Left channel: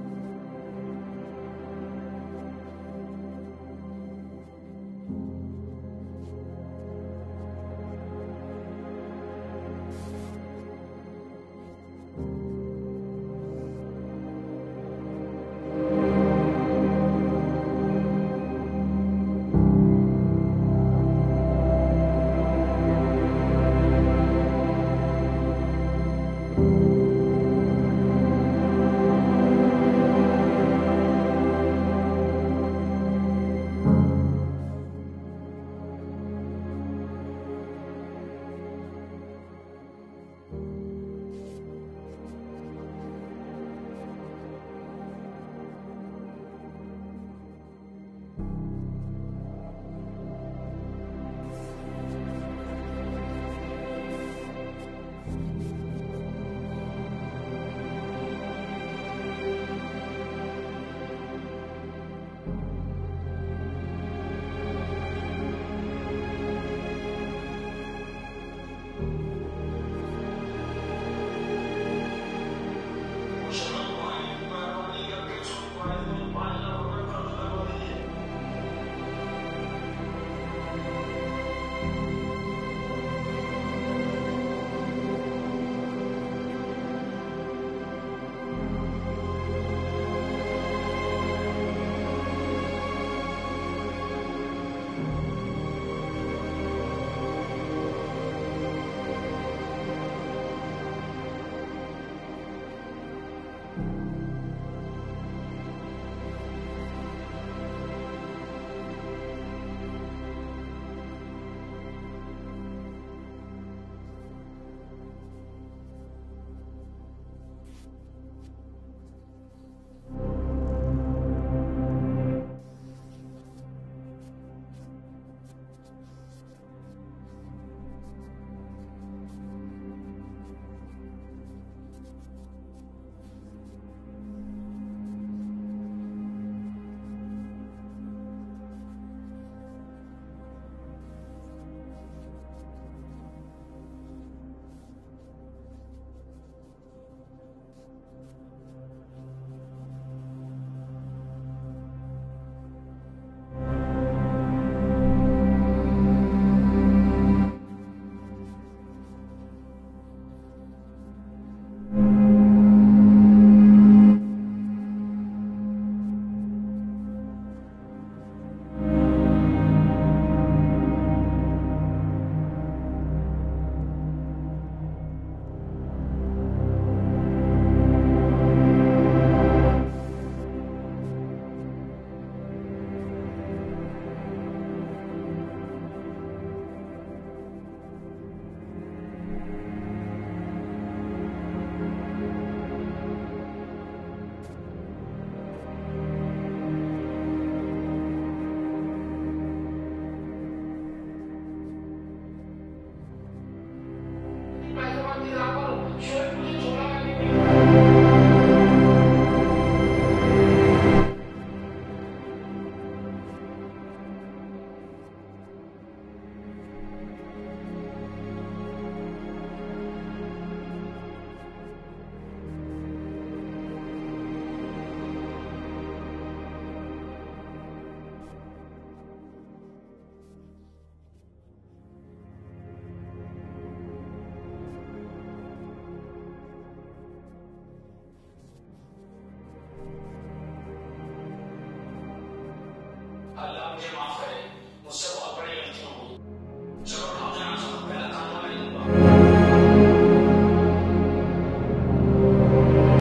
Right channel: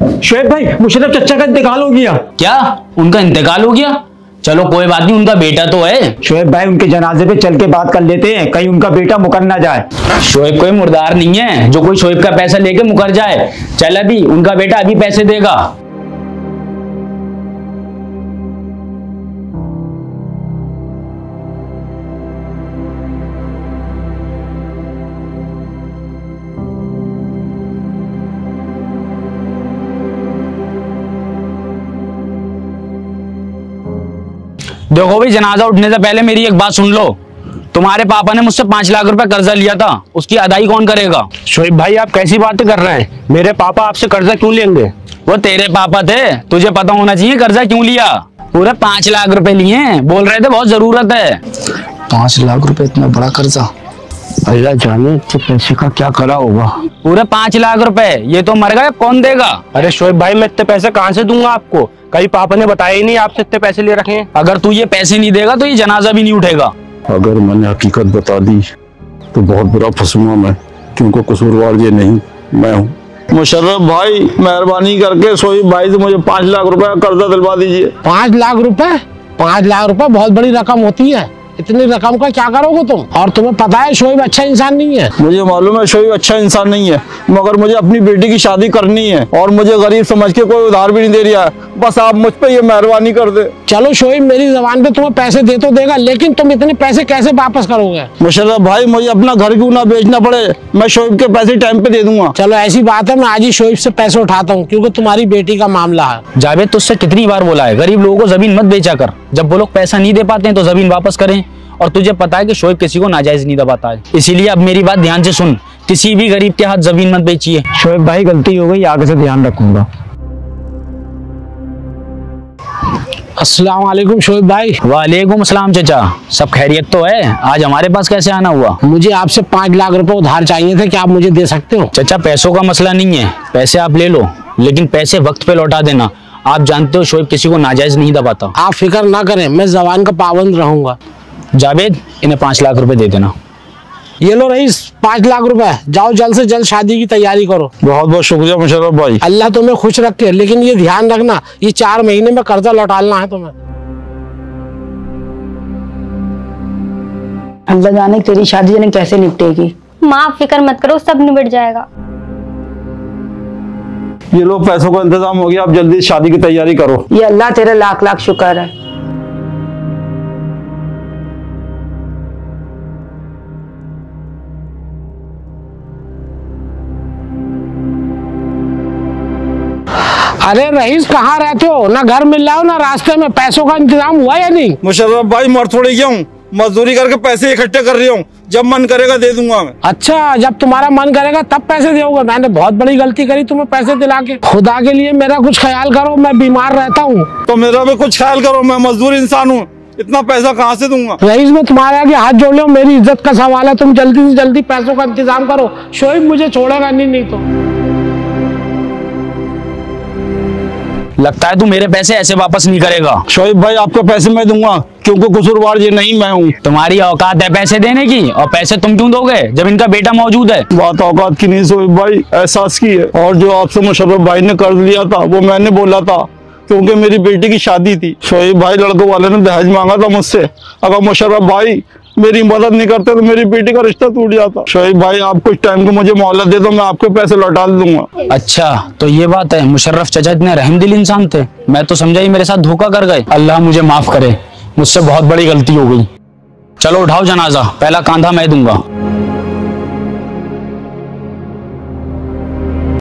शोएब भाई, मुशर्रफ चचा का इंतकाल हो गया। क्या उनका इंतकाल हो गया? चलो कोई बात नहीं, उनका बेटा तो है। शोएब भाई, उनके जनाजे पे चल के बात कर लेते हैं, कहीं उनका बेटा मुकर ना जाए। शोएब कोई मुर्दार नहीं है जो कोई शोएब का पैसा लेके मुकर जाए। चल अभी उनका बेटा अभी पैसे देगा। देखो भाई, जनाजा उठने से पहले मेरी एक बात सुन लो। तुम्हारे पापा ने मुझसे 5 लाख रुपए कर्जा लिया था, उसकी अदाई कौन करेगा? शोएब भाई, आप कैसी बातें कर रहे हैं? मेरे पापा आपसे कर्जा क्यों लेंगे? वो तेरे पापा थे, तुझे पता होना चाहिए कर्जा क्यों लिया। पूरे 5 लाख रुपए लिए, बोल रहे थे बहुत जरूरत है। 5 लाख रुपए इतना बड़ा कर्जा, अल्लाह जाने तो पैसे का क्या करा होगा। पूरे 5 लाख रुपए, ये तो मर गए, कौन देगा? अरे शोएब भाई, मैं इतने पैसे कहाँ से दूंगा आपको? कहीं पापा ने बताया ही नहीं आपसे इतने पैसे ले रखे हैं। अगर तू ये पैसे नहीं देगा तो ये जनाजा भी नहीं उठेगा। अगर मैंने हकीकत बता दी तो बहुत बुरा फंसूंगा मैं, क्योंकि कसूरवार ये नहीं मैं हूँ। मुशर्रफ भाई, मेहरबानी करके शोएब भाई से मुझे 5 लाख रुपए का कर्जा दिलवा दीजिए। 5 लाख रुपए? 5 लाख रुपए बहुत बड़ी रकम होती है। इतनी रकम का क्या करोगे तुम? और तुम्हें पता है शोएब अच्छा इंसान नहीं है। मुझे मालूम है शोएब अच्छा इंसान नहीं है, मगर मुझे अपनी बेटी की शादी करनी है और मुझे गरीब समझ के कोई उधार भी नहीं दे रहा है। बस आप मुझ पे ये मेहरबानी कर दे। चलो शोएब, मेरी जबान पे तुम्हें पैसे दे तो देगा, लेकिन तुम इतने पैसे कैसे वापस करोगे? मुशर्रफ भाई, मुझे अपना घर क्यों ना बेचना पड़े, मैं शोएब के पैसे टाइम पे दे दूंगा। चलो ऐसी बात है, मैं आज ही शोएब से पैसे उठाता हूँ, क्योंकि तुम्हारी बेटी का मामला है। जावेद, तुझसे कितनी बार बोला है गरीब लोगों को जमीन मत बेचा कर। जब वो लोग पैसा नहीं दे पाते हैं तो जमीन वापस करें। और तुझे पता है कि शोएब किसी को नाजायज नहीं दबाता है, इसीलिए अब मेरी बात ध्यान से सुन, किसी भी गरीब के हाथ जमीन मत बेचिए। शोएब भाई, गलती हो गई, आगे से ध्यान रखूंगा। अस्सलाम वालेकुम शोएब भाई। वालेकुम अस्सलाम चाचा, सब खैरियत तो है? आज हमारे पास कैसे आना हुआ? मुझे आपसे 5 लाख रुपए उधार चाहिए थे, क्या आप मुझे दे सकते हो? चाचा, पैसों का मसला नहीं है, पैसे आप ले लो, लेकिन पैसे वक्त पे लौटा देना। आप जानते हो शोएब किसी को नाजायज नहीं दबाता। आप फिक्र ना करें, मैं जबान का पाबंद रहूंगा। जावेद, इन्हें 5 लाख रुपए दे देना। ये लो रईस, 5 लाख रुपए, जाओ जल्द से जल्द शादी की तैयारी करो। बहुत बहुत शुक्रिया मुशर्रफ भाई। अल्लाह तुम्हें खुश रखे, लेकिन ये ध्यान रखना, ये 4 महीने में कर्जा लौटाना है तुम्हें। अल्लाह जाने तेरी शादी जाने कैसे निपटेगी। माँ फिक्र मत करो, सब निबट जाएगा। ये लो, पैसों का इंतजाम हो गया, आप जल्दी शादी की तैयारी करो। ये अल्लाह तेरा लाख लाख शुक्र है। अरे रईस, कहाँ रहते हो? ना घर मिल रहा हो ना रास्ते में, पैसों का इंतजाम हुआ या नहीं? मुशर्रफ भाई, मर थोड़ी गया हूँ, मजदूरी करके पैसे इकट्ठे कर रही हूँ, जब मन करेगा दे दूंगा मैं। अच्छा, जब तुम्हारा मन करेगा तब पैसे दोगे? मैंने बहुत बड़ी गलती करी तुम्हें पैसे दिला के। खुदा के लिए मेरा कुछ ख्याल करो, मैं बीमार रहता हूँ। तो मेरा भी कुछ ख्याल करो, मैं मजदूर इंसान हूँ, इतना पैसा कहाँ से दूंगा? रईस, मैं तुम्हारे आगे हाथ जोड़ रहा हूँ, मेरी इज्जत का सवाल है, तुम जल्दी से जल्दी पैसों का इंतजाम करो। शोएब मुझे छोड़ेगा नहीं तो। लगता है तू मेरे पैसे ऐसे वापस नहीं करेगा। शोएब भाई, आपके पैसे मैं दूंगा, क्योंकि कसूरवार ये नहीं मैं हूँ। तुम्हारी औकात है पैसे देने की, और पैसे तुम क्यों दोगे जब इनका बेटा मौजूद है? बात औकात की नहीं शोएब भाई, एहसास की है। और जो आपसे मुशर्रफ भाई ने कर्ज लिया था वो मैंने बोला था, क्योंकि मेरी बेटी की शादी थी। शोएब भाई, लड़कों वाले ने दहेज मांगा था मुझसे, अगर मुशर्रफ भाई मेरी मदद नहीं करते तो मेरी बेटी का रिश्ता टूट जाता। शोएब भाई, आप कुछ टाइम को मुझे मोहलत दे दो, मैं आपके पैसे लौटा दूंगा। अच्छा, तो ये बात है। मुशर्रफ चाचा इतने रहमदिल इंसान थे, मैं तो समझा ही मेरे साथ धोखा कर गए। अल्लाह मुझे माफ करे, मुझसे बहुत बड़ी गलती हो गई। चलो उठाओ जनाजा, पहला कांधा मैं दूंगा।